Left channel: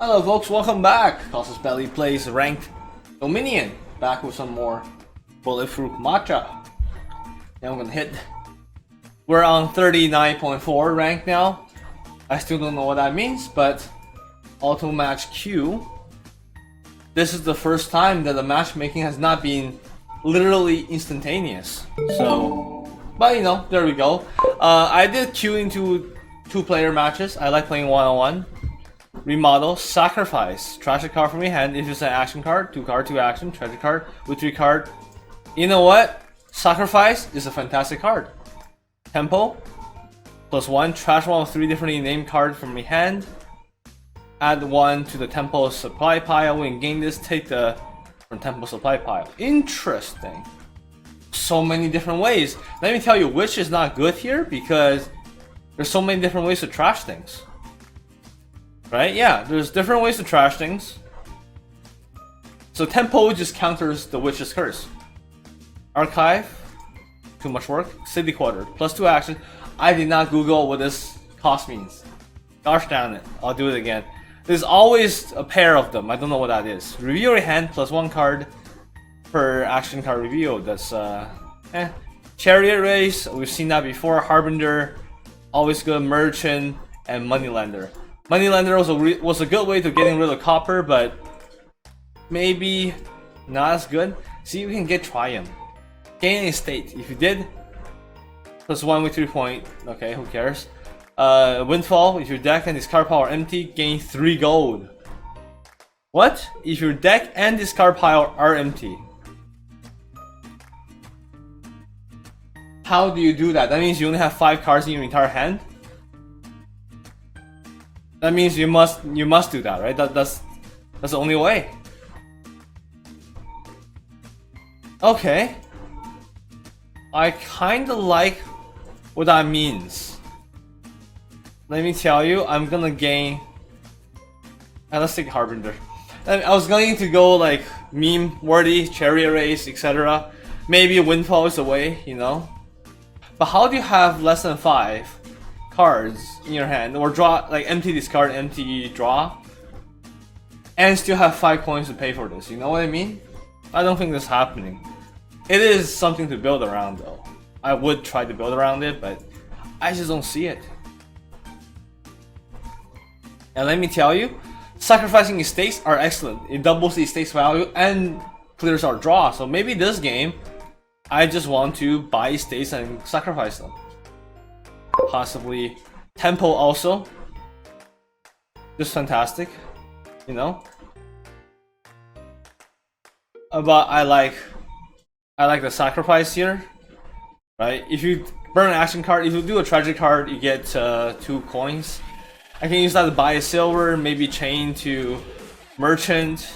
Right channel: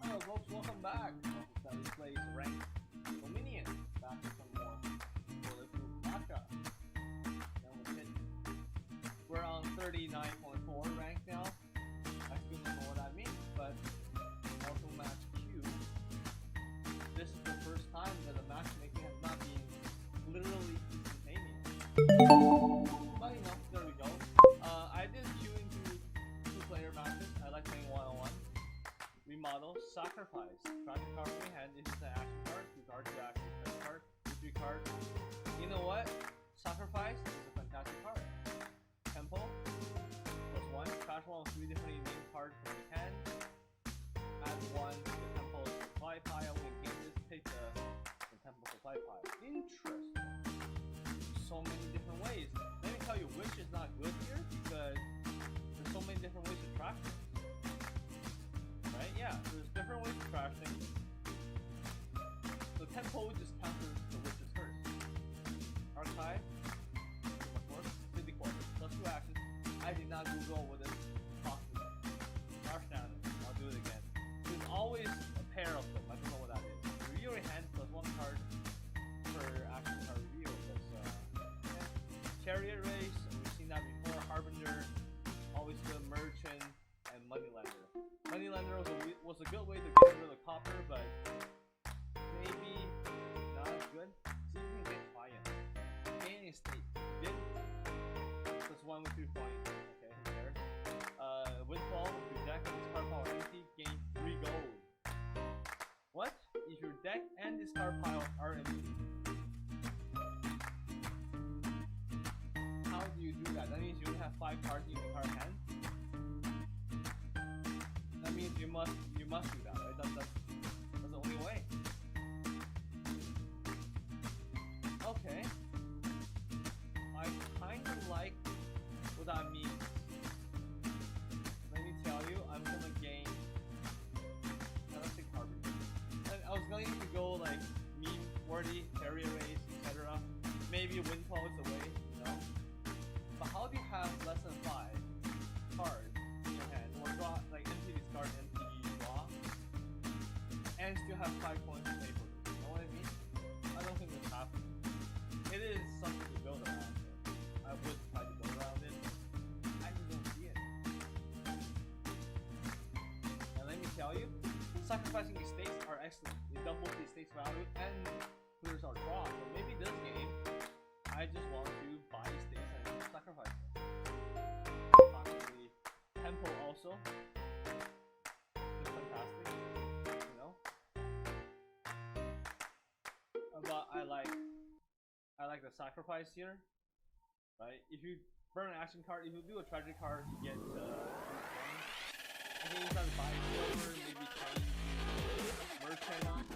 Hello folks, welcome back. Toss's Belly plays ranked Dominion. Back with some more bulletproof matcha. Now I'm gonna hit. We're on 39.4 rank now. I still don't know what that means, but auto match Q. This is the first time that the matchmaking has not been literally instantaneous. So, but you know, there we go. I did Q into 2-player matches. I like playing one-on-one. Remodel, sacrifice, trash a card from your hand. If it's an action card, 2 card, 2 action, treasure card with 3 card. You know what? Sacrifice is a fantastic card. Tempo, +1, trash one of 3 differently named cards from your hand. Add 1 to the tempo supply pile. When you gain this, take the from tempo supply pile. Interesting. So many different ways. Let me tell you which is not good here because there's so many different ways to trash things. Right? Yeah, there's different ways to trash things. So tempo just counters the witch's curse. Archive, too much work. City quarter, +2 action. I did not Google what this cost means. Gosh damn it, I'll do it again. There's always a pair of them. I don't know what that is. Review your hand, +1 card per action card review. That's Chariot Race, we've seen that before. Harbinger, always good. Merchant, and Moneylender. Moneylender was a good way to getting rid of copper, but maybe not as good. See, we can get Triumph. Gain a state. If you did, +1 with 3 point. Okay, who cares? Windfall. If your deck and discard pile are empty, gain 3 gold. What? If your deck and discard pile are empty. How do you do that? That means you only have 5 cards in your entire hand? That means you must do that, right? That's the only way. Okay. I kinda like what that means. Let me tell you, I'm gonna gain. Let's take Harbinger. I was going to go like meme worthy, Chariot Race, etc. Maybe Windfall is away, you know. But how do you have less than 5 cards in your hand, or draw like empty discard, empty draw, and still have 5 coins to pay for this? You know what I mean? I don't think this is happening. It is something to build around though. I would try to build around it, but I just don't see it. And let me tell you, sacrificing estates are excellent. It doubles the estate's value and clears our draw. So maybe this game, I just want to buy estates and sacrifice them. Possibly tempo also. Just fantastic, you know. But I like the sacrifice here, right? If you burn an action card, if you do a tragic card, you get 2 coins. I can use that to buy a silver, maybe chain to merchant.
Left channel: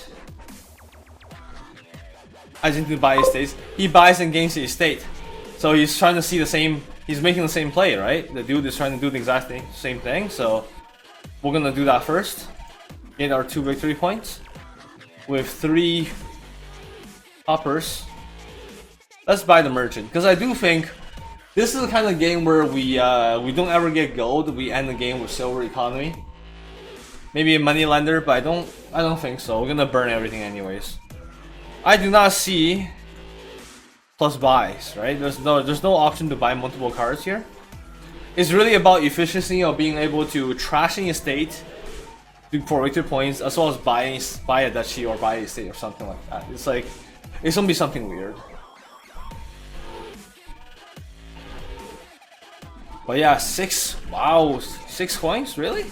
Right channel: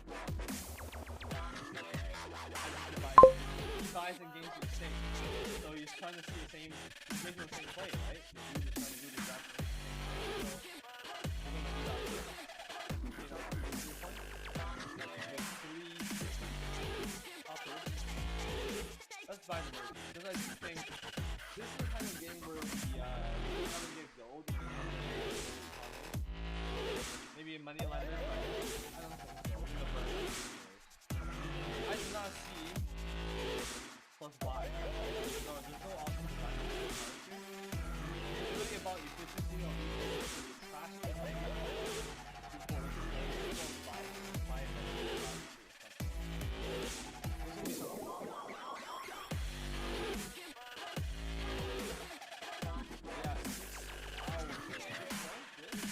I just need to buy estates. He buys and gains the estate, so he's trying to see the same. He's making the same play, right? The dude is trying to do the exact same thing, so we're gonna do that first. Get our 2 victory points with 3 hoppers. Let's buy the merchant, because I do think this is the kind of game where we don't ever get gold. We end the game with silver economy. Maybe a moneylender, but I don't think so. We're gonna burn everything anyways. I do not see plus buys, right? There's no option to buy multiple cards here. It's really about efficiency of being able to trash an estate for victory points, as well as buy a duchy or buy a estate or something like that. It's like it's gonna be something weird. But yeah, 6. Wow, 6 coins, really?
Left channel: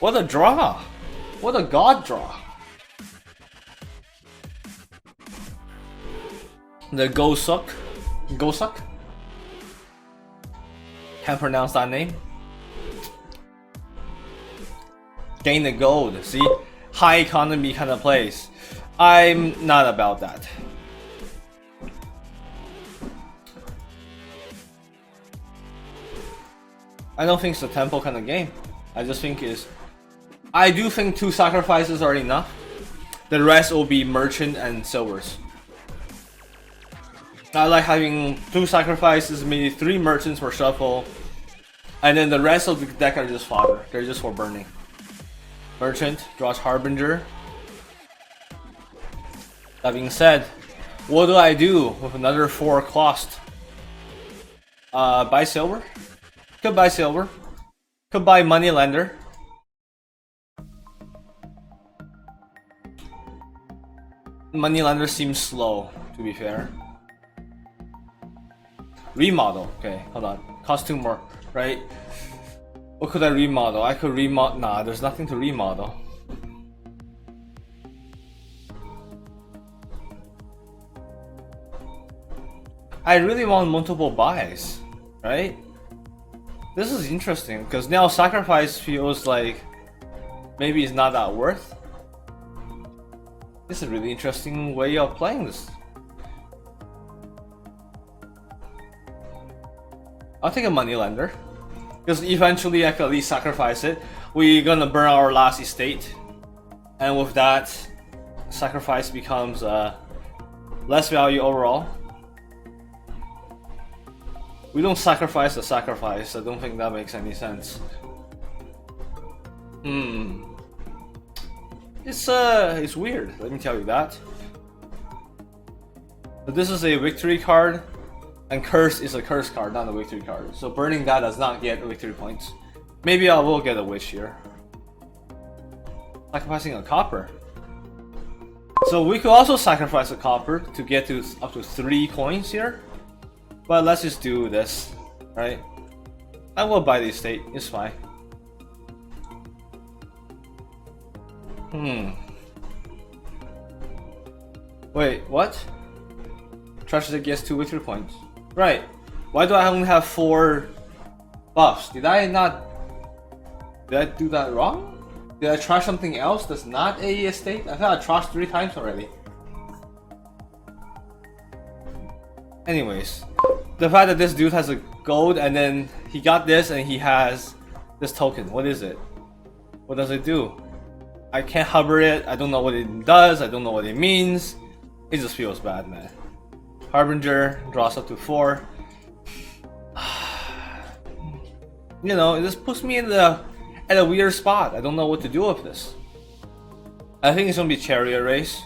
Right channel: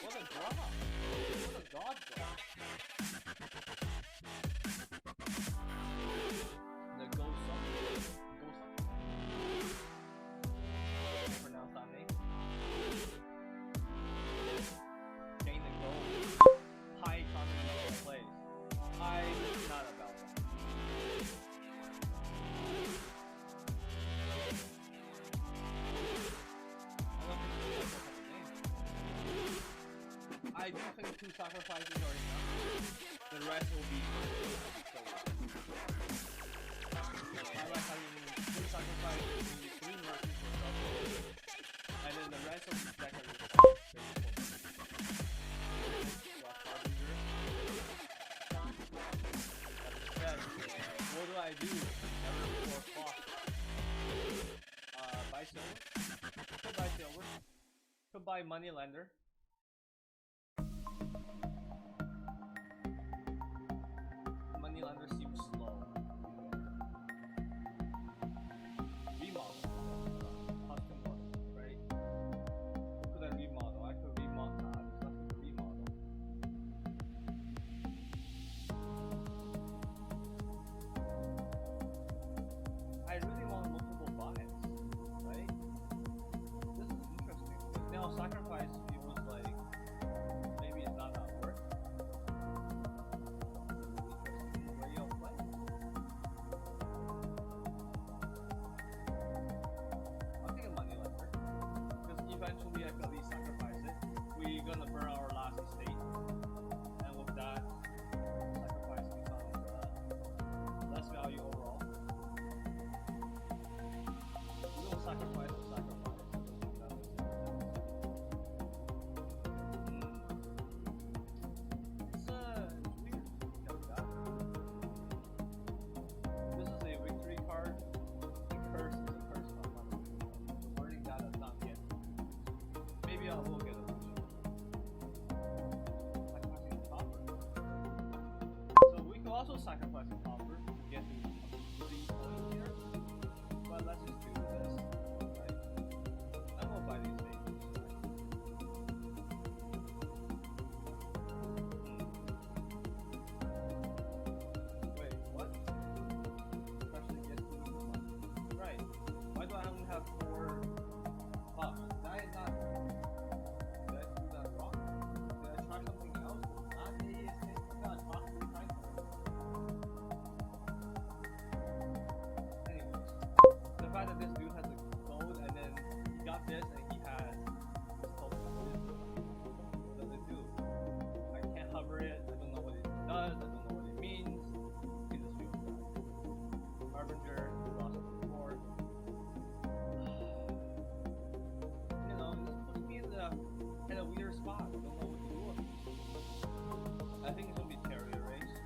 What a draw! What a god draw! The Gosuck. Can't pronounce that name. Gain the gold. See, high economy kind of plays. I'm not about that. I don't think it's a tempo kind of game. I just think I do think 2 sacrifices are enough. The rest will be merchant and silvers. I like having 2 sacrifices, maybe 3 merchants for shuffle, and then the rest of the deck are just fodder. They're just for burning. Merchant draws Harbinger. That being said, what do I do with another 4 cost? Buy silver? Could buy silver. Could buy moneylender. Moneylender seems slow, to be fair. Remodel. Okay, hold on. Cost 2 more, right? What could I remodel? I could remodel. Nah, there's nothing to remodel. I really want multiple buys, right? This is interesting because now sacrifice feels like maybe it's not that worth. This is a really interesting way of playing this. I'll take a moneylender because eventually I could at least sacrifice it. We're gonna burn our last estate, and with that, sacrifice becomes less value overall. We don't sacrifice the sacrifice. I don't think that makes any sense. It's weird. Let me tell you that. But this is a victory card, and curse is a curse card, not a victory card. So burning that does not get victory points. Maybe I will get a wish here. Sacrificing a copper. So we could also sacrifice a copper to get to up to 3 coins here. But let's just do this, right? I will buy the estate, it's fine. Wait, what? Trash it gets 2 victory points. Right. Why do I only have 4 buffs? Did I do that wrong? Did I trash something else that's not a estate? I thought I trashed 3 times already. Anyways, the fact that this dude has a gold and then he got this and he has this token. What is it? What does it do? I can't hover it. I don't know what it does. I don't know what it means. It just feels bad, man. Harbinger draws up to 4. You know, this puts me in at a weird spot. I don't know what to do with this. I think it's gonna be chariot race.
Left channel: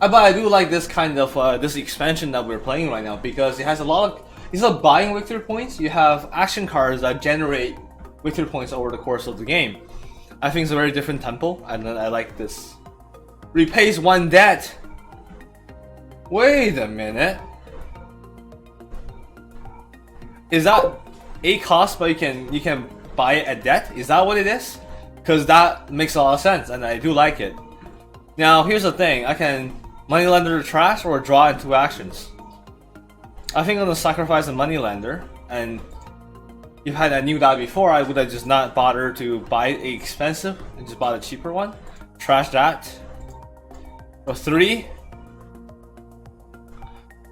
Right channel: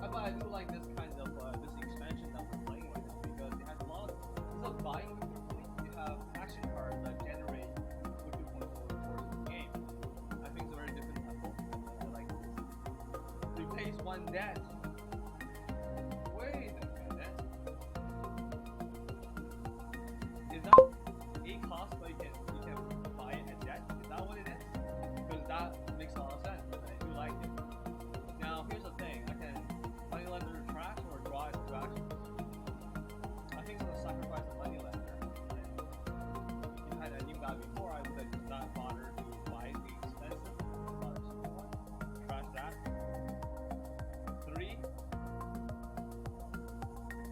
But I do like this kind of this expansion that we're playing right now because it has a lot of, instead of buying victory points, you have action cards that generate victory points over the course of the game. I think it's a very different tempo, and then I like this. Repays 1 debt. Wait a minute. Is that a cost, but you can buy it at debt? Is that what it is? Because that makes a lot of sense, and I do like it. Now here's the thing: I can moneylender to trash or draw in 2 actions. I think I'm gonna sacrifice a moneylender, and if I knew that before, I would have just not bothered to buy a expensive and just bought a cheaper one. Trash that. For 3.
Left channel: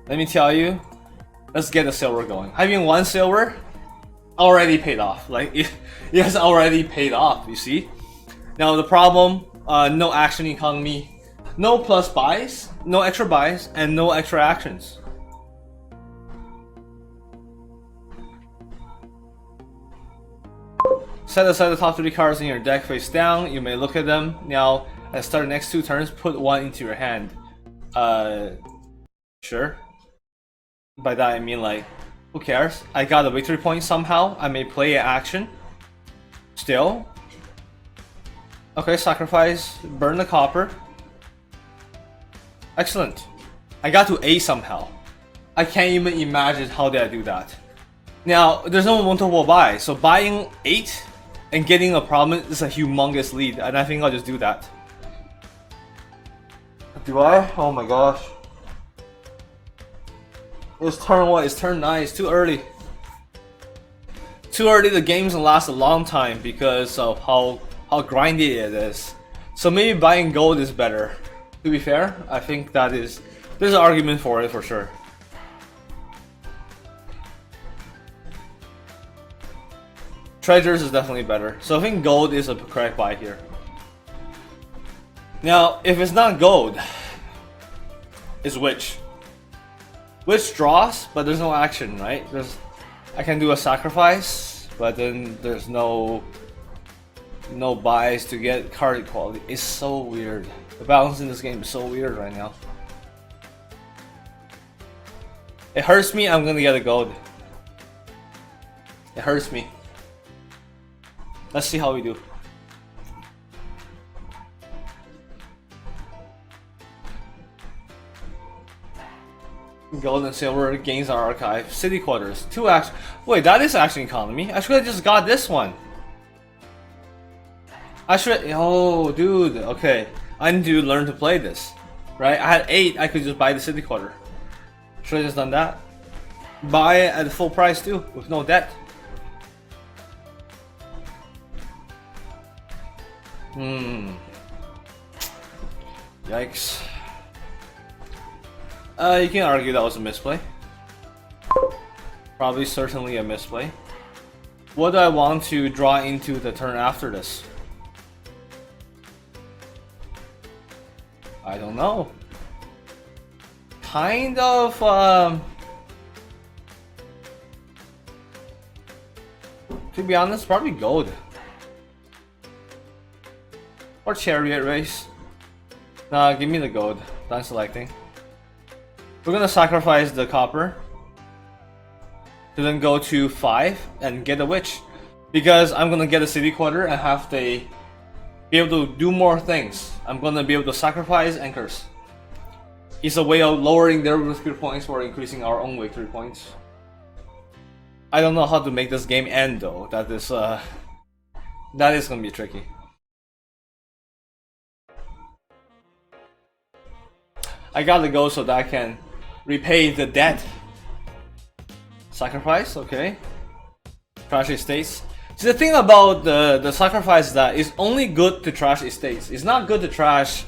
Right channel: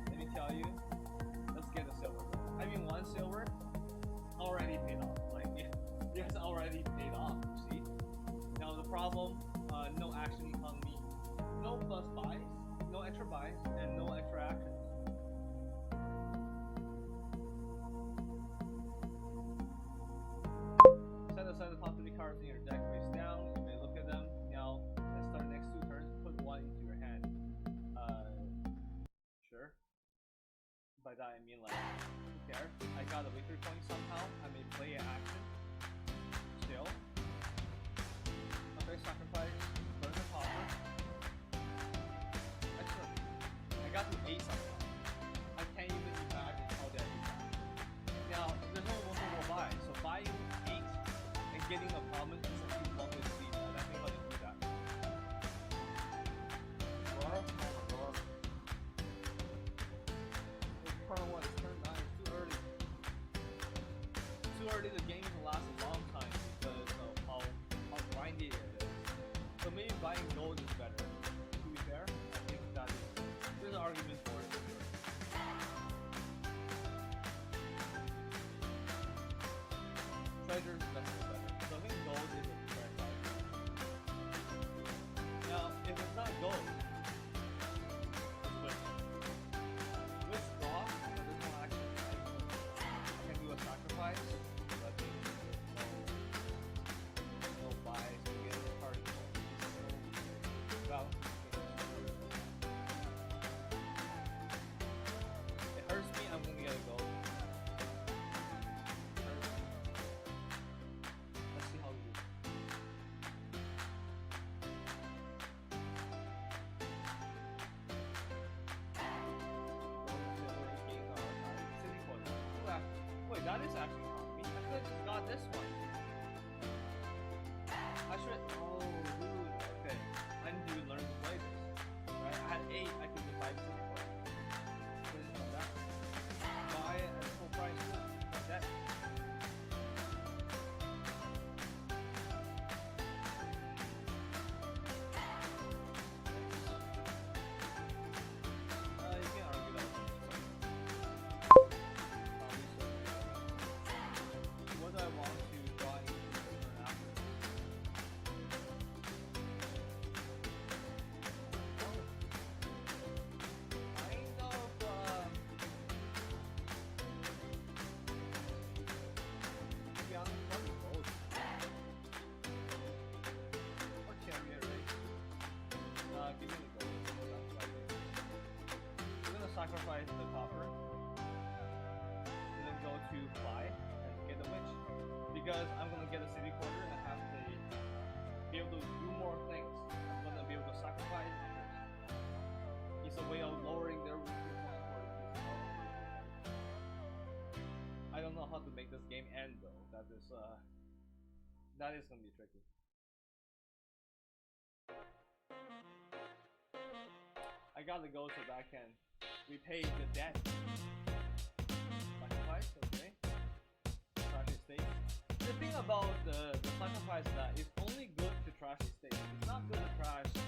Let me tell you, let's get the silver going. Having 1 silver already paid off. Like it has already paid off. You see. Now the problem: no action economy, no plus buys, no extra buys, and no extra actions. Set aside the top 3 cards in your deck face down. You may look at them. Now, at the start of the next 2 turns, put 1 into your hand. Sure. By that I mean, like, who cares? I got a victory point somehow. I may play an action. Still. Okay, sacrifice. Burn the copper. Excellent. I got to A somehow. I can't even imagine how did I do that. Now, there's no multiple buy, so buying 8 and getting a problem is a humongous lead, and I think I'll just do that. Do I? Oh my gosh. It's turn what? It's turn 9. It's too early. Too early. The game's gonna last a long time because of how grindy it is. So maybe buying gold is better. To be fair, I think there's an argument for it for sure. Treasures is definitely better. So I think gold is a correct buy here. Now, if it's not gold, it's Witch. Witch draws, but there's no action, right? I can do a sacrifice, but then there's no no buys to get card equality. It's so weird. The balance in this game is so weird right now. It hurts me, I'm gonna get a gold. It hurts me. Let's see how we do. Gold and silver gains our archive. City quarters. 2 action. Wait, that is action economy. I should have just got this one. I should. Oh, dude. Okay. I need to learn to play this. Right? I had 8. I could just buy the city quarter. Should have just done that. Buy it at full price too, with no debt. Yikes. You can argue that was a misplay. Probably certainly a misplay. What do I want to draw into the turn after this? I don't know. Kind of, to be honest, probably gold. Or chariot race. Nah, give me the gold. Done selecting. We're gonna sacrifice the copper to then go to 5 and get a witch, because I'm gonna get a city quarter and have to be able to do more things. I'm gonna be able to sacrifice and curse. It's a way of lowering their victory points or increasing our own victory points. I don't know how to make this game end though. That is gonna be tricky. I gotta go so that I can repay the debt. Sacrifice, okay. Trash estates. See, the thing about the sacrifice is that it's only good to trash estates. It's not good to trash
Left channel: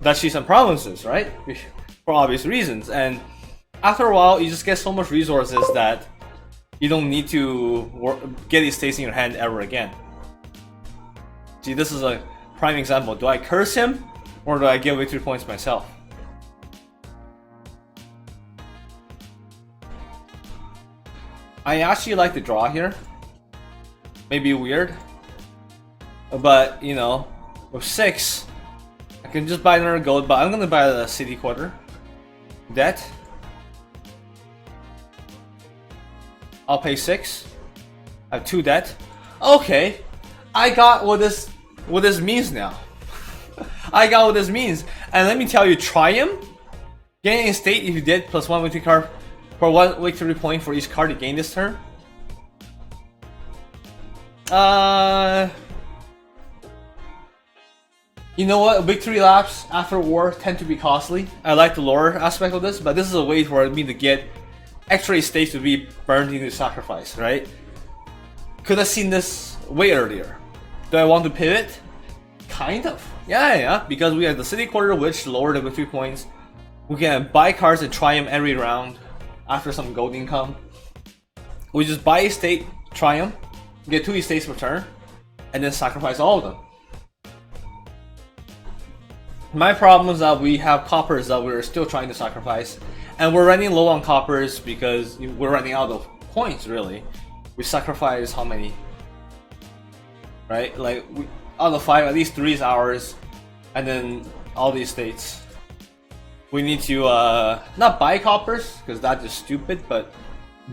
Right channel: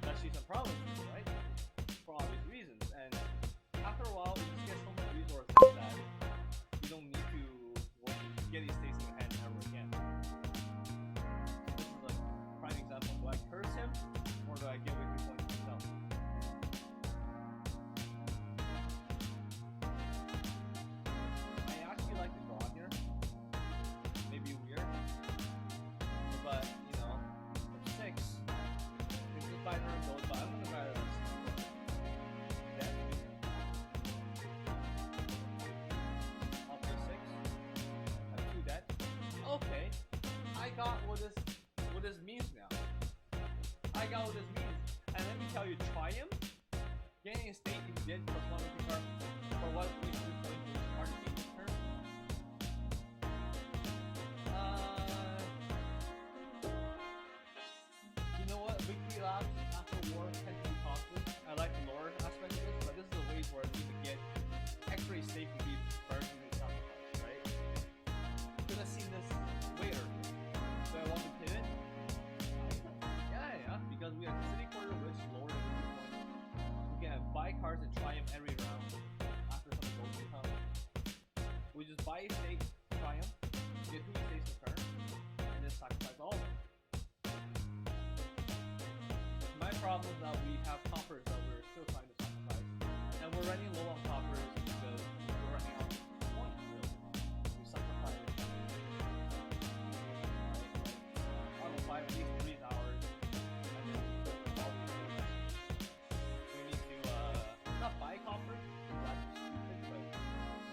duchies and provinces, right? For obvious reasons. And after a while, you just get so much resources that you don't need to get estates in your hand ever again. See, this is a prime example. Do I curse him or do I get victory points myself? I actually like the draw here. Maybe weird, but you know, with 6, I can just buy another gold. But I'm gonna buy the city quarter. Debt. I'll pay 6. I have 2 debt. Okay, I got what this means now. I got what this means, and let me tell you, Triumph, getting a state if you did +1 victory card for 1 victory point for each card you gain this turn. You know what? Victory laps after war tend to be costly. I like the lore aspect of this, but this is a way for me to get extra estates to be burned into sacrifice, right? Could have seen this way earlier. Do I want to pivot? Kind of. Yeah, because we have the city quarter, which lower the victory points. We can buy cards and Triumph every round after some gold income. We just buy a state, Triumph, get 2 estates per turn, and then sacrifice all of them. My problem is that we have coppers that we're still trying to sacrifice, and we're running low on coppers because we're running out of points, really. We sacrifice how many? Right? Like, out of 5, at least 3 is ours, and then all these states. We need to not buy coppers, because that's just stupid, but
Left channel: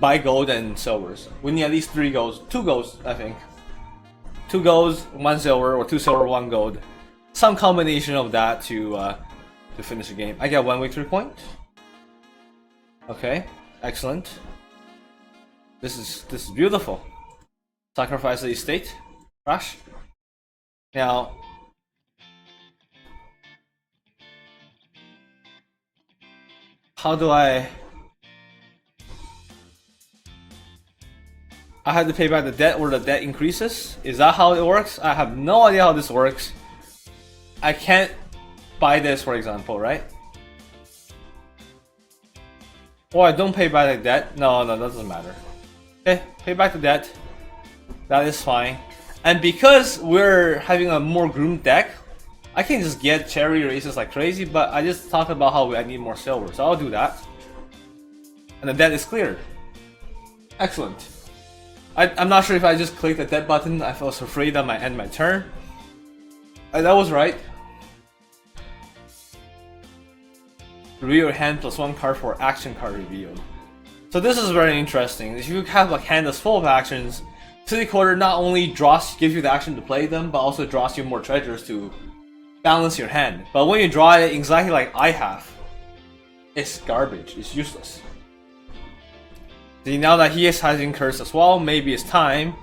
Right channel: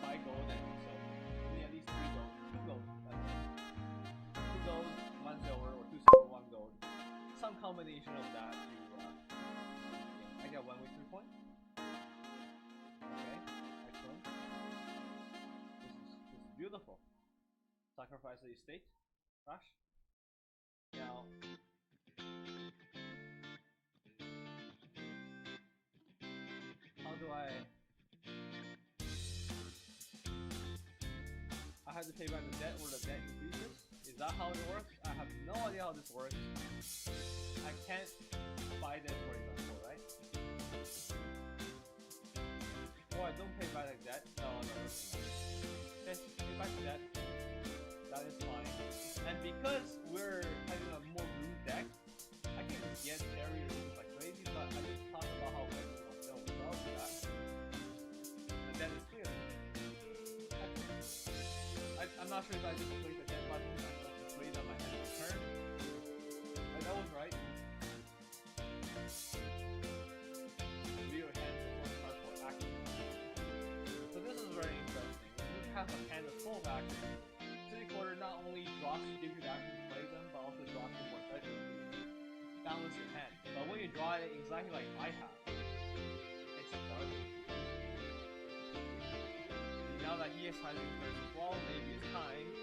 buy gold and silvers. We need at least 3 golds, 2 golds, I think. 2 golds, 1 silver, or 2 silver, 1 gold. Some combination of that to finish the game. I get 1 victory point. Okay, excellent. This is beautiful. Sacrifice the estate. Crash. Now, how do I have to pay back the debt or the debt increases? Is that how it works? I have no idea how this works. I can't buy this, for example, right? Or I don't pay back the debt. No, that doesn't matter. Okay, pay back the debt. That is fine. And because we're having a more groomed deck, I can just get cherry races like crazy, but I just talked about how I need more silver, so I'll do that. And the debt is cleared. Excellent. I'm not sure if I just clicked the debt button. I was afraid that might end my turn. That was right. Reveal your hand plus 1 card for action card revealed. So this is very interesting. If you have a hand that's full of actions, City Quarter not only gives you the action to play them, but also draws you more treasures to balance your hand. But when you draw it exactly like I have, it's garbage. It's useless. See, now that he is having curse as well, maybe it's time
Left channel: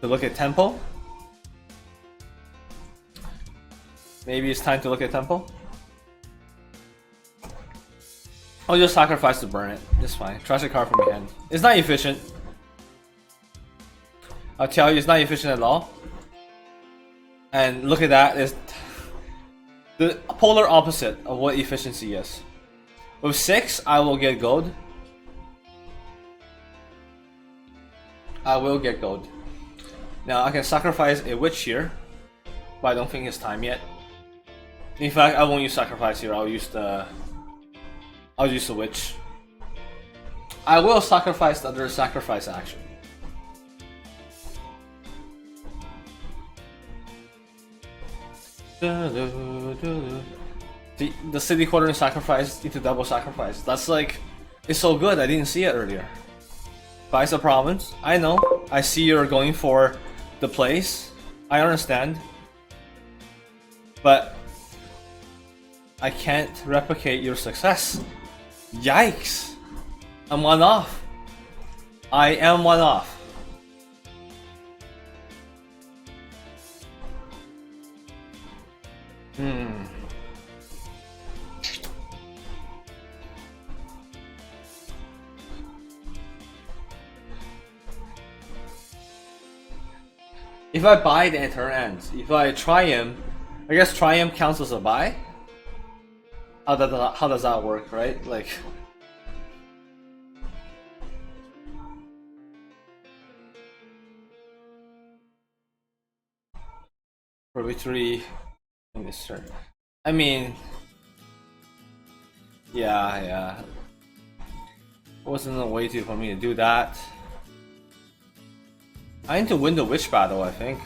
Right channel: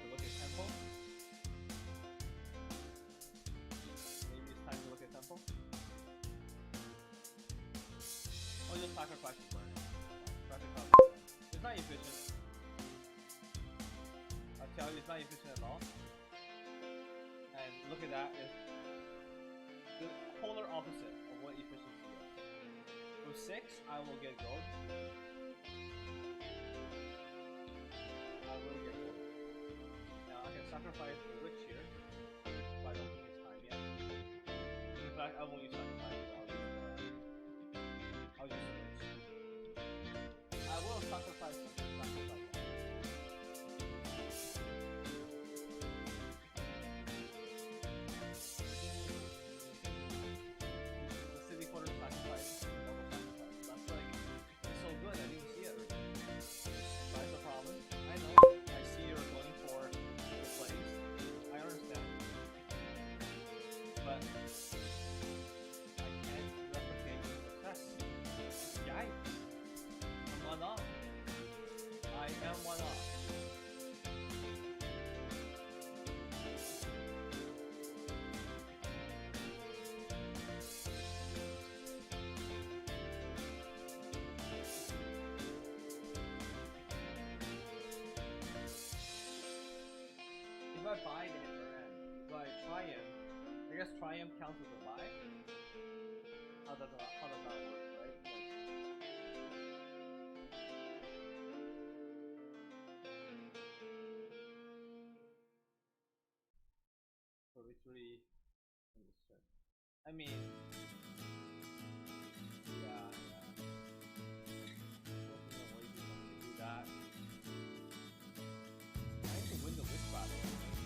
to look at tempo. Maybe it's time to look at tempo. I'll just sacrifice to burn it. It's fine. Trash a card from your hand. It's not efficient. I'll tell you, it's not efficient at all. And look at that. It's the polar opposite of what efficiency is. With 6, I will get gold. I will get gold. Now I can sacrifice a witch here, but I don't think it's time yet. In fact, I won't use sacrifice here. I'll use the witch. I will sacrifice the other sacrifice action. The city quarter sacrifice into double sacrifice. That's like, it's so good. I didn't see it earlier. Buys a province. I know. I see you're going for the place. I understand. But I can't replicate your success. Yikes! I'm one off. I am one off. If I buy, then it turn ends. If I triumph, I guess triumph counts as a buy. How does that work, right? Like, for victory in this turn. I mean, yeah. Wasn't a way for me to do that. I need to win the witch battle, I think.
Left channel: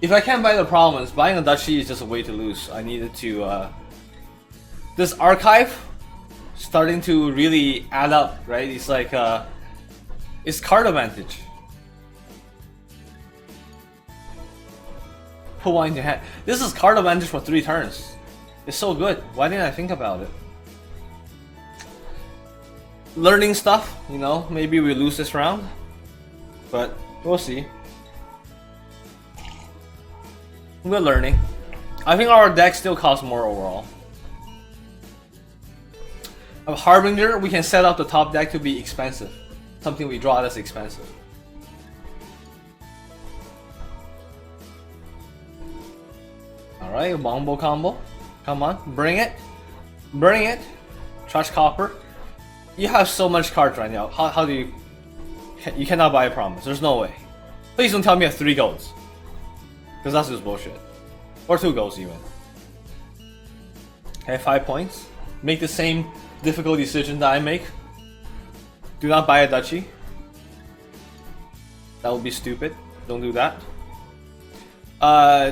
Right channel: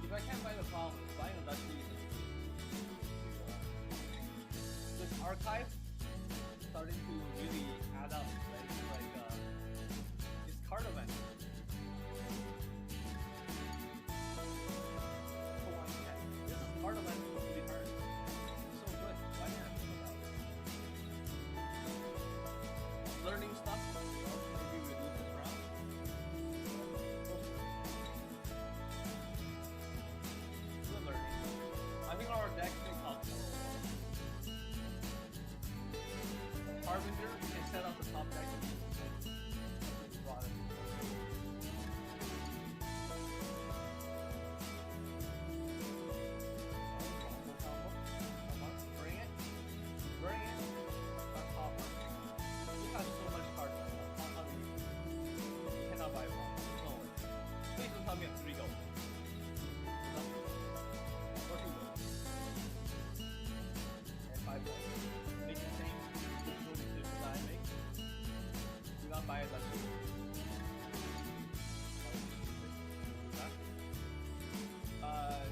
If I can't buy the province, buying a duchy is just a way to lose. I needed to this archive starting to really add up, right? It's like it's card advantage. Put one in your hand. This is card advantage for 3 turns. It's so good. Why didn't I think about it? Learning stuff, you know, maybe we lose this round, but we'll see. We're learning. I think our deck still costs more overall. A Harbinger, we can set up the top deck to be expensive. Something we draw that's expensive. Alright, Wombo combo. Come on, bring it. Bring it. Trash copper. You have so much cards right now. How do you... You cannot buy a promise. There's no way. Please don't tell me you have 3 golds. Because that's just bullshit. Or 2 golds even. Okay, 5 points. Make the same difficult decision that I make. Do not buy a duchy. That would be stupid. Don't do that.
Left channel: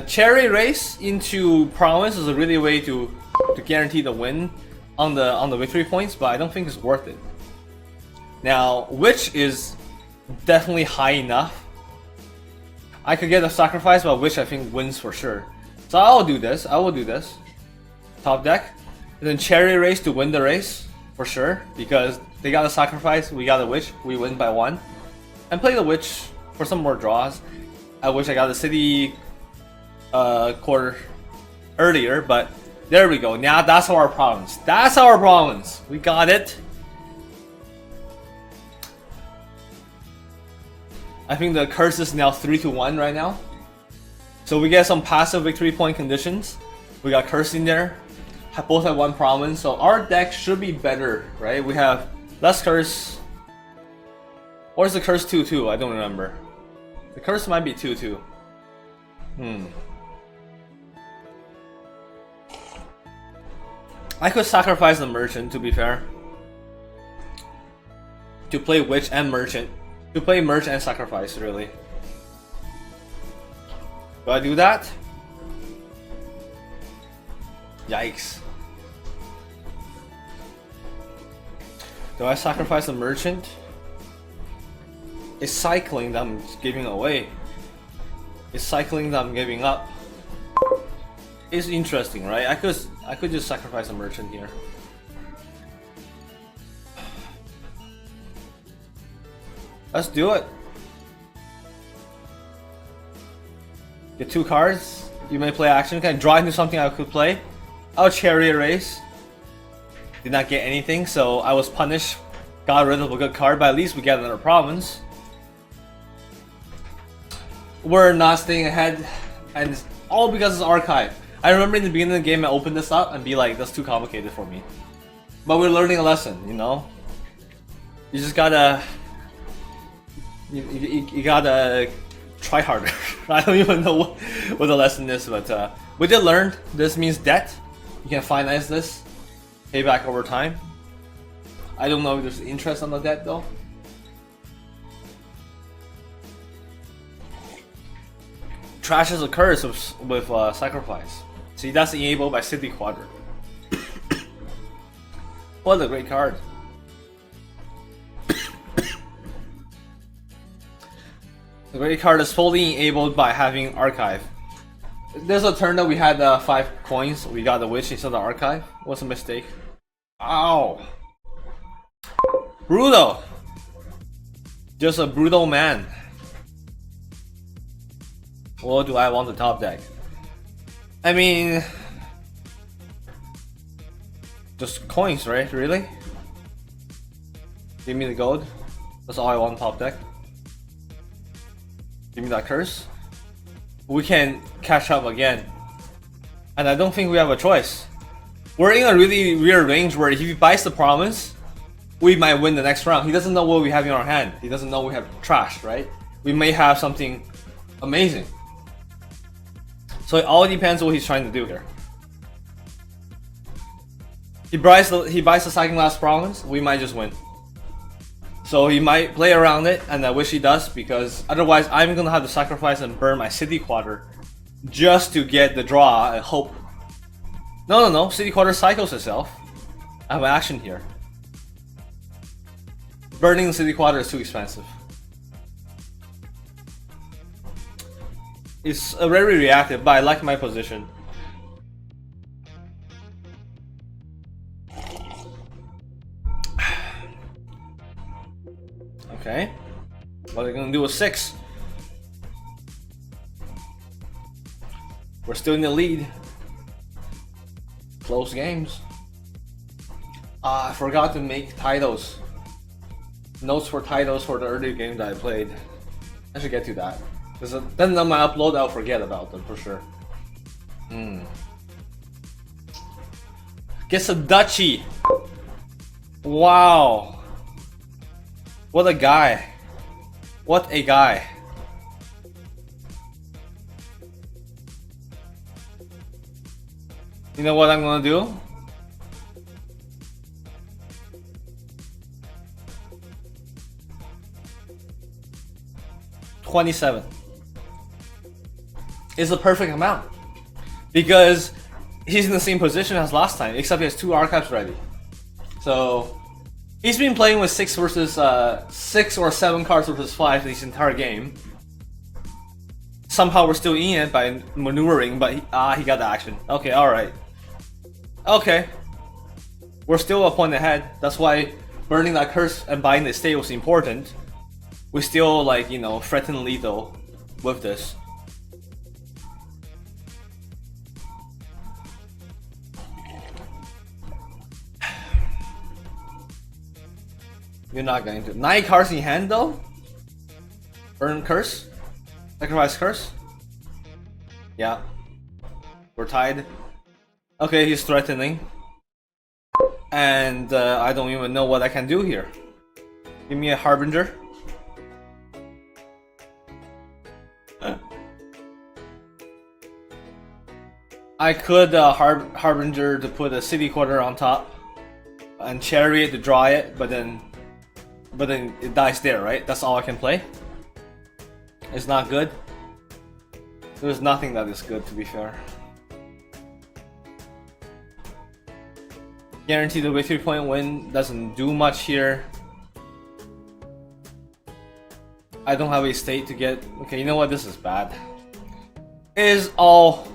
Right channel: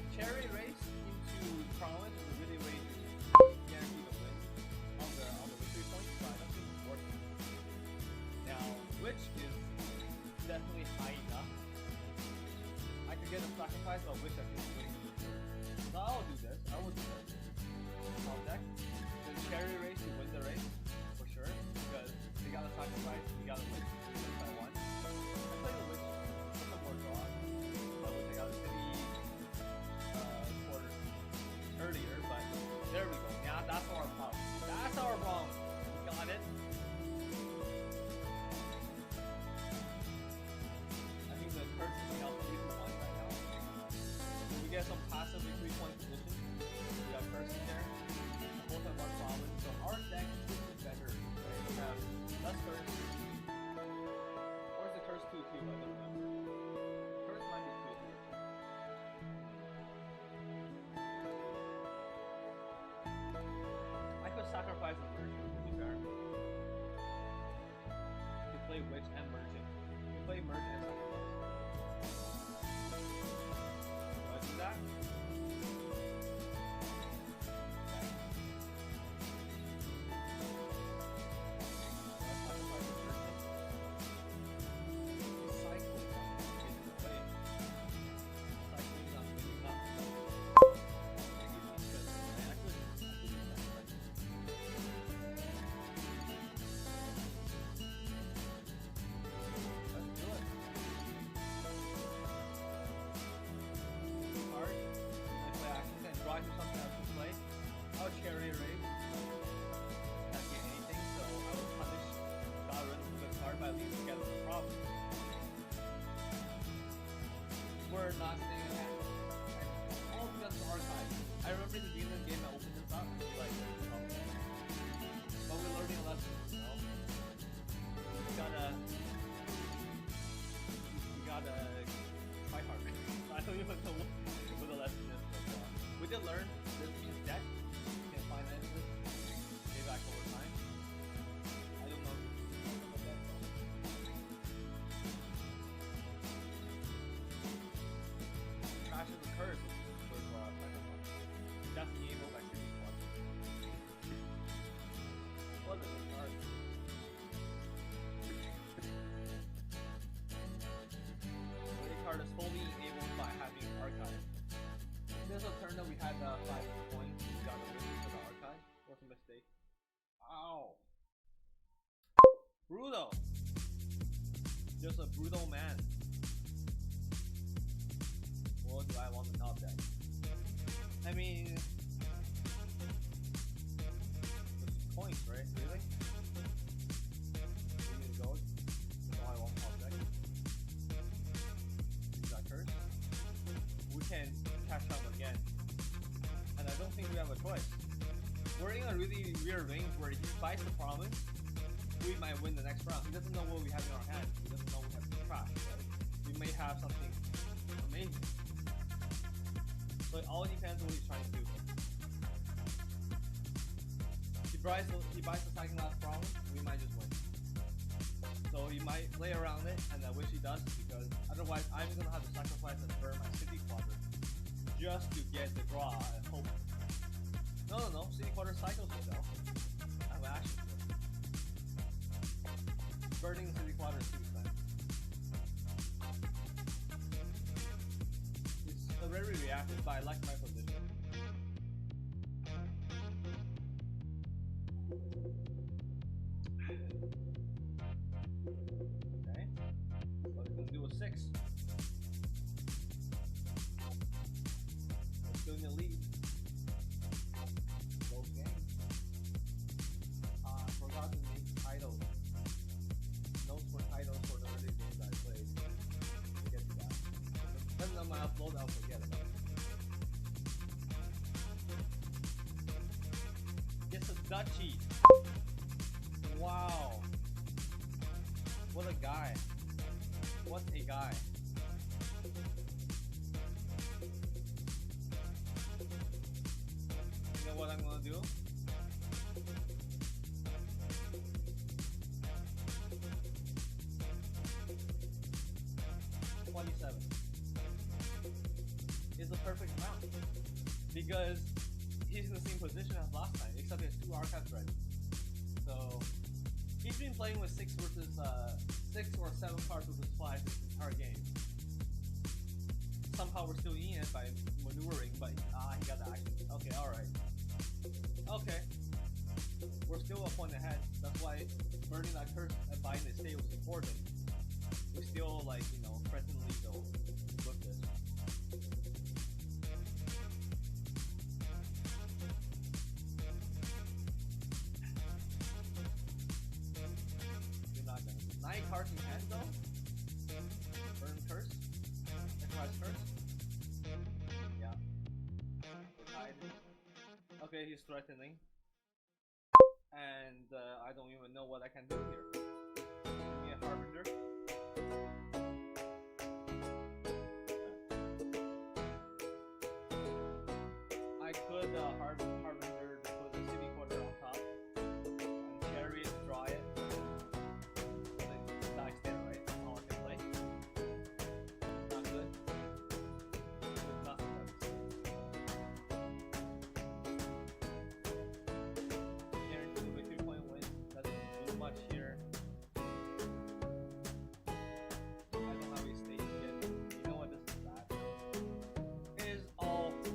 Cherry race into province is a really way to guarantee the win on the victory points, but I don't think it's worth it. Now, witch is definitely high enough. I could get a sacrifice, but witch I think wins for sure. So I will do this. Top deck. And then cherry race to win the race for sure, because they got a sacrifice, we got a witch, we win by 1. And play the witch for some more draws. I wish I got the city quarter earlier, but there we go. Now that's our province. That's our province. We got it. I think the curse is now 3-1 right now. So we get some passive victory point conditions. We got curse in there. Both have 1 province. So our deck should be better, right? We have less curse. Or is the curse 2-2? I don't remember. The curse might be 2-2. I could sacrifice the merchant, to be fair. To play witch and merchant. To play merchant and sacrifice, really. Do I do that? Yikes. Do I sacrifice a merchant? It's cycling that I'm giving away. It's cycling that I'm giving up. It's interesting, right? I could just sacrifice a merchant here. Let's do it. Get 2 cards. You may play action. Can I draw into something I could play? I'll chariot race. Did not get anything, so I was punished. Got rid of a good card, but at least we get another province. We're not staying ahead, and it's all because it's archive. I remember in the beginning of the game I opened this up and be like, that's too complicated for me. But we're learning a lesson, you know? You just gotta... You gotta try harder. I don't even know what the lesson is, but we did learn. This means debt. You can finance this. Pay back over time. I don't know if there's interest on the debt though. Trash is a curse with sacrifice. See, that's enabled by City Quadra. What a great card. The great card is fully enabled by having Archive. There's a turn that we had 5 coins. We got the Witch instead of the Archive. What's a mistake? Ow! Brutal! Just a brutal man. What do I want to top deck? I mean... just coins, right? Really? Give me the gold. That's all I want top deck. Give me that curse. We can catch up again. And I don't think we have a choice. We're in a really weird range where if he buys the promise, we might win the next round. He doesn't know what we have in our hand. He doesn't know we have trash, right? We may have something amazing. So it all depends what he's trying to do here. He buys the second last province, we might just win. So he might play around it, and I wish he does, because otherwise I'm gonna have to sacrifice and burn my City Quadra just to get the draw and hope. No, City Quadra cycles itself. I have action here. Burning the City Quadra is too expensive. It's very reactive, but I like my position. Okay, what are we gonna do with 6? We're still in the lead. Close games. I forgot to make titles. Notes for titles for the earlier game that I played. I should get to that. Because then on my upload I'll forget about them for sure. Gets a duchy. Wow. What a guy. What a guy. You know what I'm gonna do? $27 is the perfect amount. Because he's in the same position as last time, except he has 2 archives ready. So he's been playing with 6 or 7 cards versus 5 this entire game. Somehow we're still in it by maneuvering, but he got the action. Okay, alright. Okay. We're still a point ahead. That's why burning that curse and buying the estate was important. We still, like, you know, threaten lethal with this. You're not going to. 9 cards in hand though? Burn curse? Sacrifice curse? Yeah. We're tied. Okay, he's threatening. And I don't even know what I can do here. Give me a Harbinger. I could Harbinger to put a City Quadra on top and Chariot to draw it, but then it dies there, right? That's all I can play. It's not good. There's nothing that is good, to be fair. Guaranteed the victory point win doesn't do much here. I don't have a state to get. Okay, you know what? This is bad. It is all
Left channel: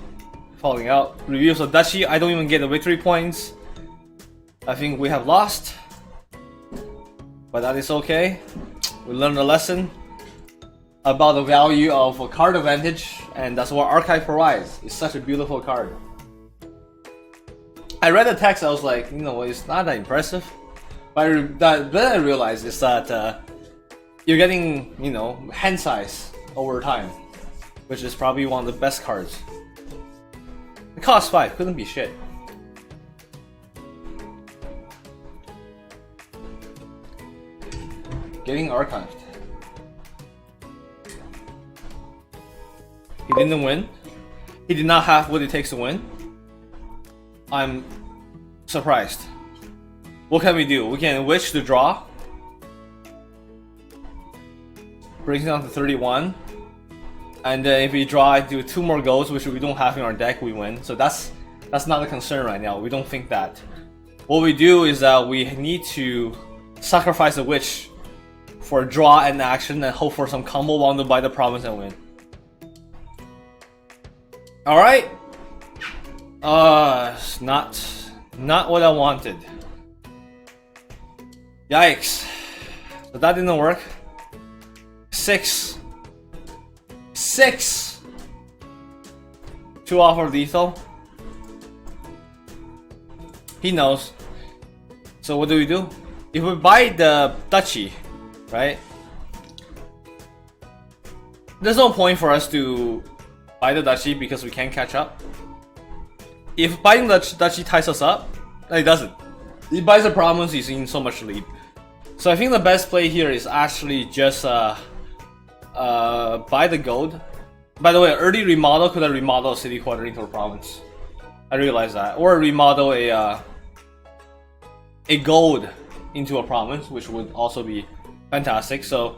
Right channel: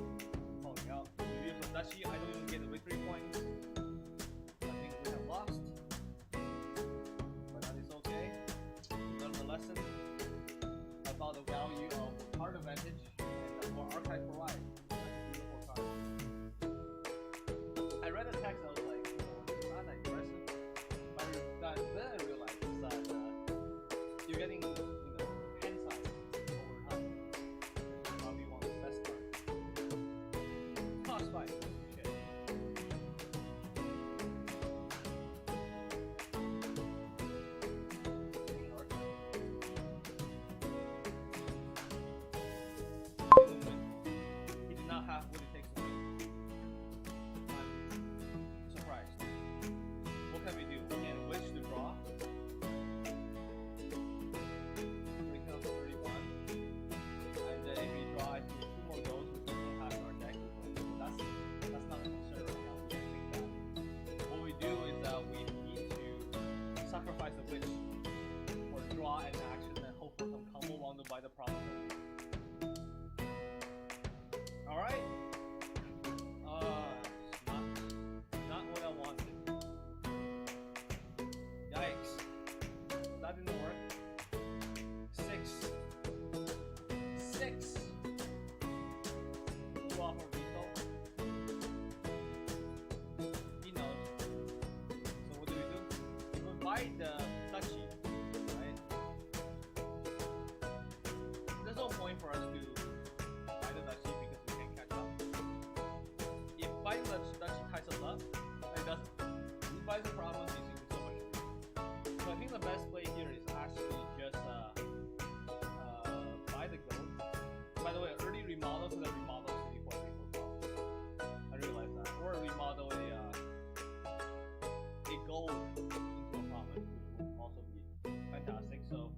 falling out. Reviews of Duchy. I don't even get the victory points. I think we have lost, but that is okay. We learned a lesson about the value of a card advantage, and that's what Archive provides. It's such a beautiful card. I read the text, I was like, you know, it's not that impressive. But then I realized is that you're getting, you know, hand size over time, which is probably one of the best cards. It costs 5, couldn't be shit. Getting archived. He didn't win. He did not have what it takes to win. I'm surprised. What can we do? We can wish to draw. Brings it down to 31. And then if we draw, I do 2 more goals, which we don't have in our deck, we win. So that's not a concern right now. We don't think that. What we do is that we need to sacrifice a witch for a draw and action and hope for some combo one to buy the province and win. Alright. It's not what I wanted. Yikes. But that didn't work. 6. 2 off of lethal. He knows. So what do? If we buy the Duchy, right? There's no point for us to buy the Duchy because we can't catch up. If buying the Duchy ties us up, it doesn't. He buys the province, he's in so much lead. So I think the best play here is actually just buy the gold. By the way, early remodel could have remodeled a city quarter into a province. I realized that. Or remodel a gold into a province, which would also be fantastic. So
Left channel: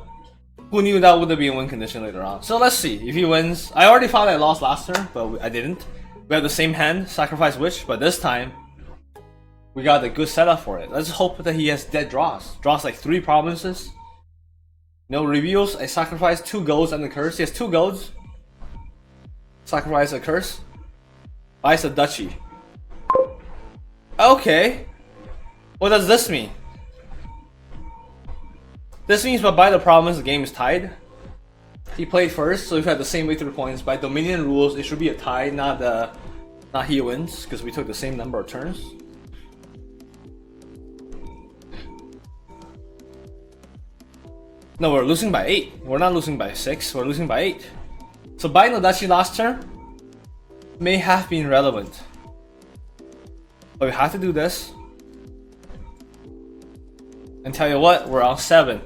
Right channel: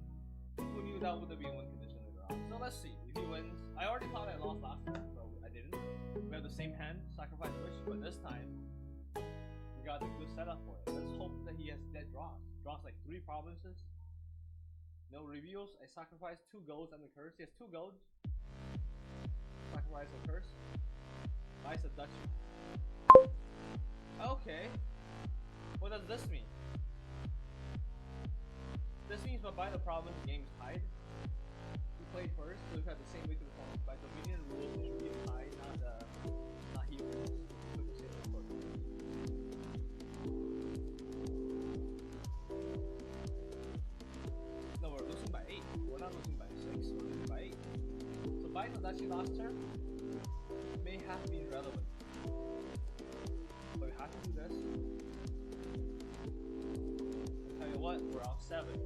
who knew that would have been a win condition later on. So let's see if he wins. I already thought I lost last turn, but I didn't. We have the same hand, sacrifice witch, but this time we got a good setup for it. Let's hope that he has dead draws. Draws like 3 provinces. No reveals. I sacrifice 2 golds and the curse. He has 2 golds. Sacrifice a curse. Buys a Duchy. Okay. What does this mean? This means by the province the game is tied. He played first, so if we had the same victory points by Dominion rules, it should be a tie, not he wins, because we took the same number of turns. No, we're losing by 8. We're not losing by 6. We're losing by 8. So buying the Duchy last turn may have been relevant, but we have to do this. And tell you what, we're on 7.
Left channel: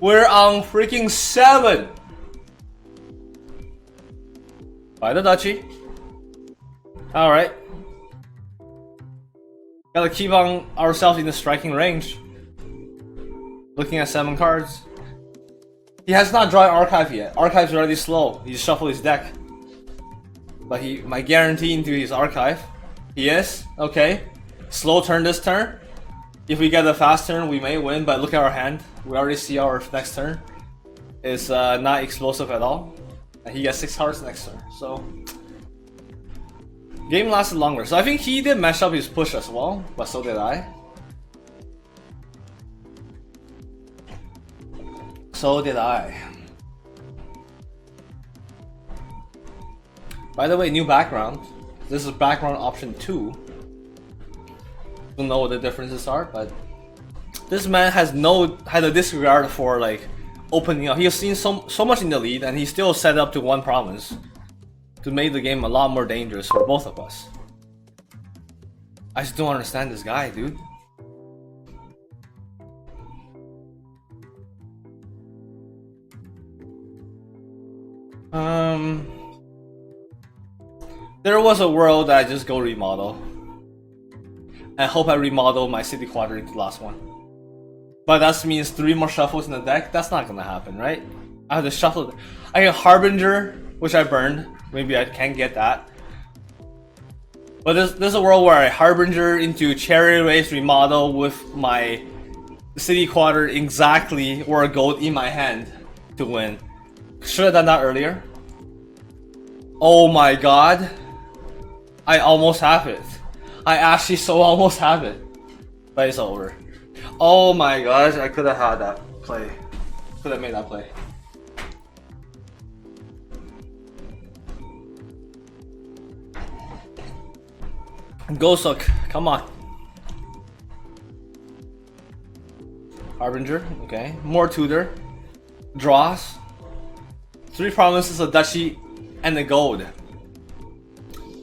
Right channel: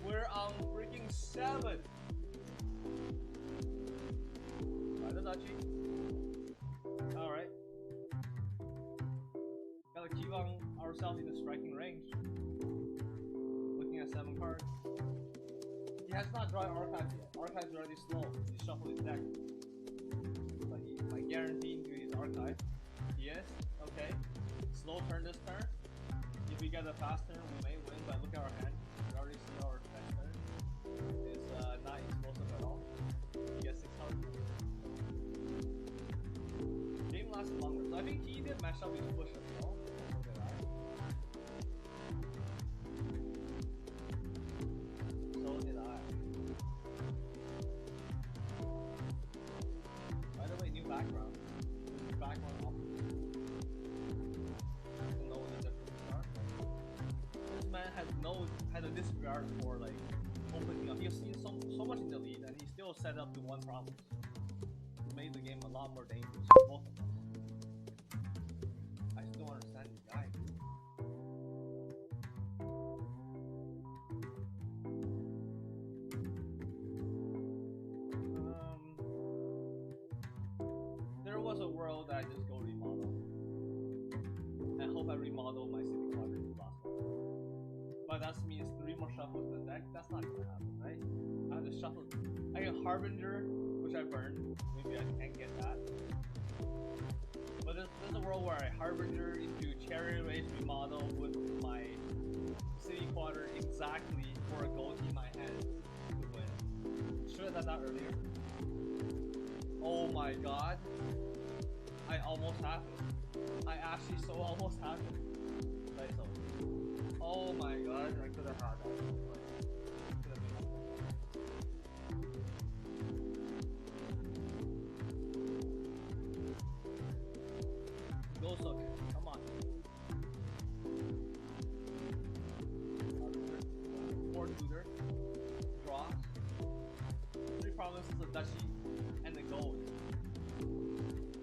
We're on freaking 7. Buy the Duchy. Alright. Gotta keep on ourselves in the striking range. Looking at 7 cards. He has not drawn Archive yet. Archive's already slow. He shuffled his deck. But he might guarantee into his Archive. He is. Okay. Slow turn this turn. If we get a fast turn, we may win, but look at our hand. We already see our next turn. It's not explosive at all. And he gets 6 cards next turn. So game lasted longer. So I think he did mess up his push as well, but so did I. So did I. By the way, new background. This is background option 2. Don't know what the differences are, but this man had a disregard for like opening up. He has seen so much in the lead, and he still set up to 1 province to make the game a lot more dangerous for both of us. I just don't understand this guy, dude. There was a world that I just go remodel. I hope I remodel my city quarter into the last one. But that means 3 more shuffles in the deck. That's not gonna happen, right? I have to shuffle. I can Harbinger which I burned. Maybe I can get that. But there's a world where I Harbinger into Chariot Race remodel with my City Quarter exactly or a gold in my hand to win. Should have done that earlier. Oh my god. I almost have it. I actually so almost have it. But it's over. Oh my gosh, I could have had that play. Could have made that play. Gosok, come on. Harbinger, okay. More tutor. Draws. 3 promises, a duchy, and a gold.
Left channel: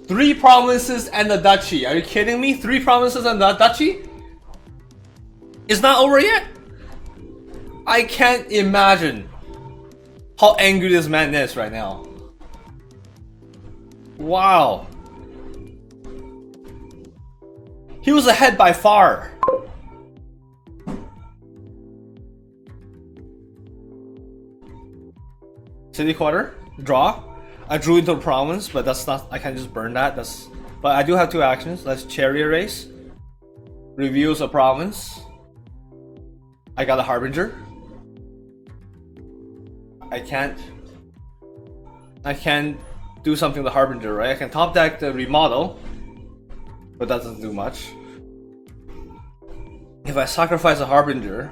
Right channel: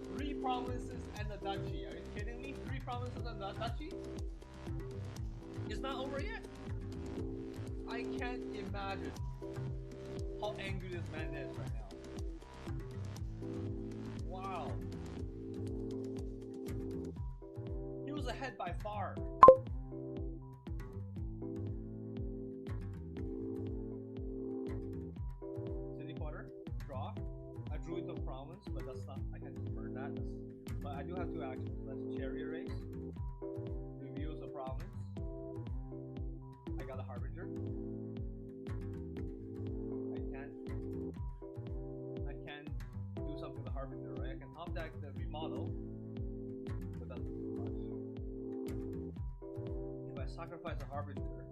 3 promises and a duchy. Are you kidding me? 3 promises and a duchy? It's not over yet? I can't imagine how angry this man is right now. Wow. He was ahead by far. City Quarter, draw. I drew into a province, but that's not. I can't just burn that. But I do have 2 actions. That's Chariot Race. Reviews a province. I got a Harbinger. I can't do something with the Harbinger, right? I can top deck the remodel, but that doesn't do much. If I sacrifice a Harbinger,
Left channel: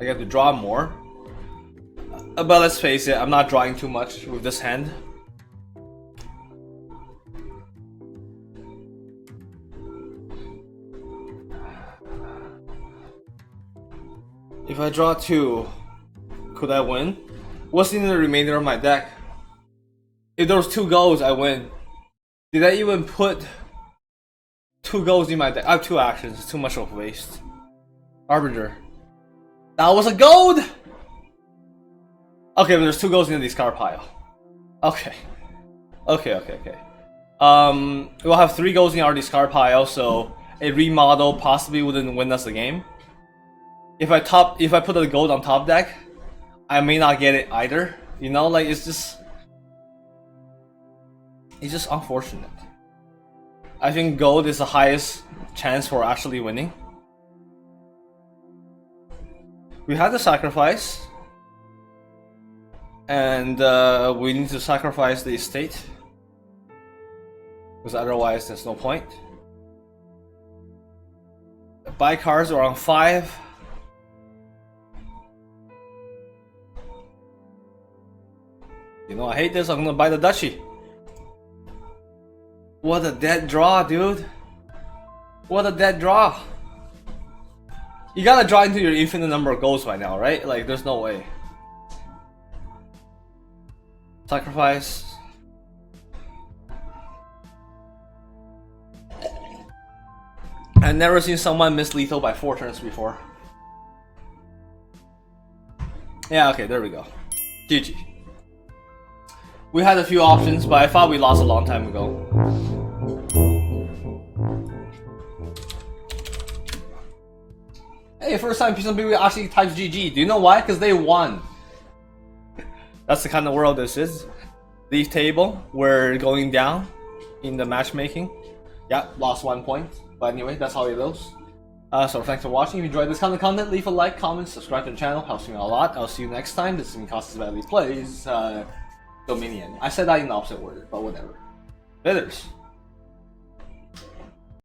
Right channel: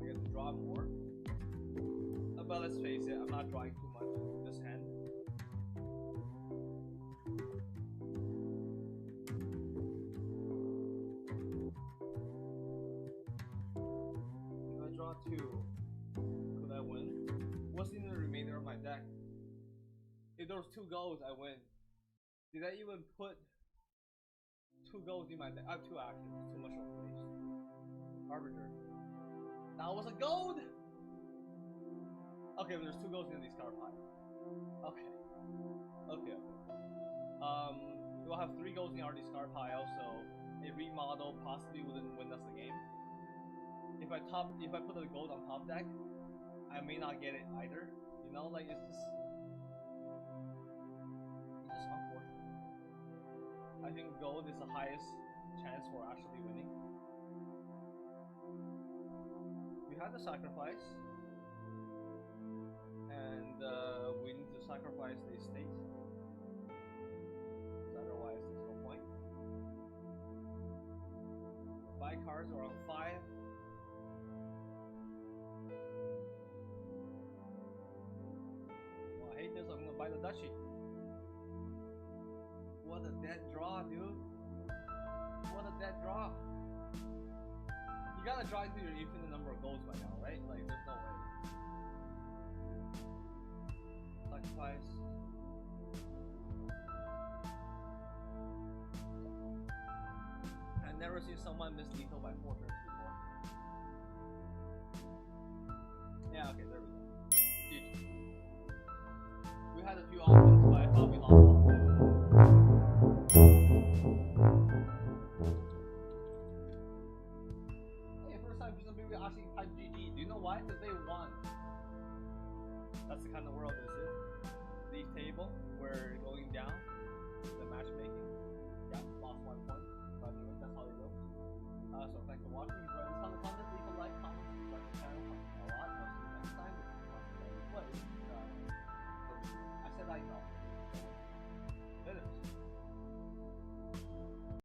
I get to draw more. But let's face it, I'm not drawing too much with this hand. If I draw 2, could I win? What's in the remainder of my deck? If there was 2 goals, I win. Did I even put 2 goals in my deck? I have 2 actions, it's too much of a waste. Harbinger. That was a gold! Okay, but there's 2 goals in the discard pile. Okay. Okay. We'll have 3 goals in our discard pile, so a remodel possibly wouldn't win us the game. If I put a gold on top deck, I may not get it either. You know, like it's just unfortunate. I think gold is the highest chance for actually winning. We had the sacrifice. And we need to sacrifice the estate, because otherwise there's no point. Buy cards around 5. You know, I hate this. I'm gonna buy the duchy. What a dead draw, dude. What a dead draw. You gotta draw into your infinite number of goals by now, right? Like, there's no way. Sacrifice. I've never seen someone miss lethal by 4 turns before. Yeah, okay, there we go. GG. We had a few options, but I thought we lost a long time ago. Hey, first time some people actually types GG. Do you know why? Because they won. That's the kind of world this is. Leaf table, we're going down in the matchmaking. Yeah, lost 1 point. But anyway, that's how it goes. So thanks for watching. If you enjoyed this kind of content, leave a like, comment, subscribe to the channel. Helps me a lot. I'll see you next time. This has been Costas Badly Plays Dominion. I said that in the opposite order, but whatever. Laters.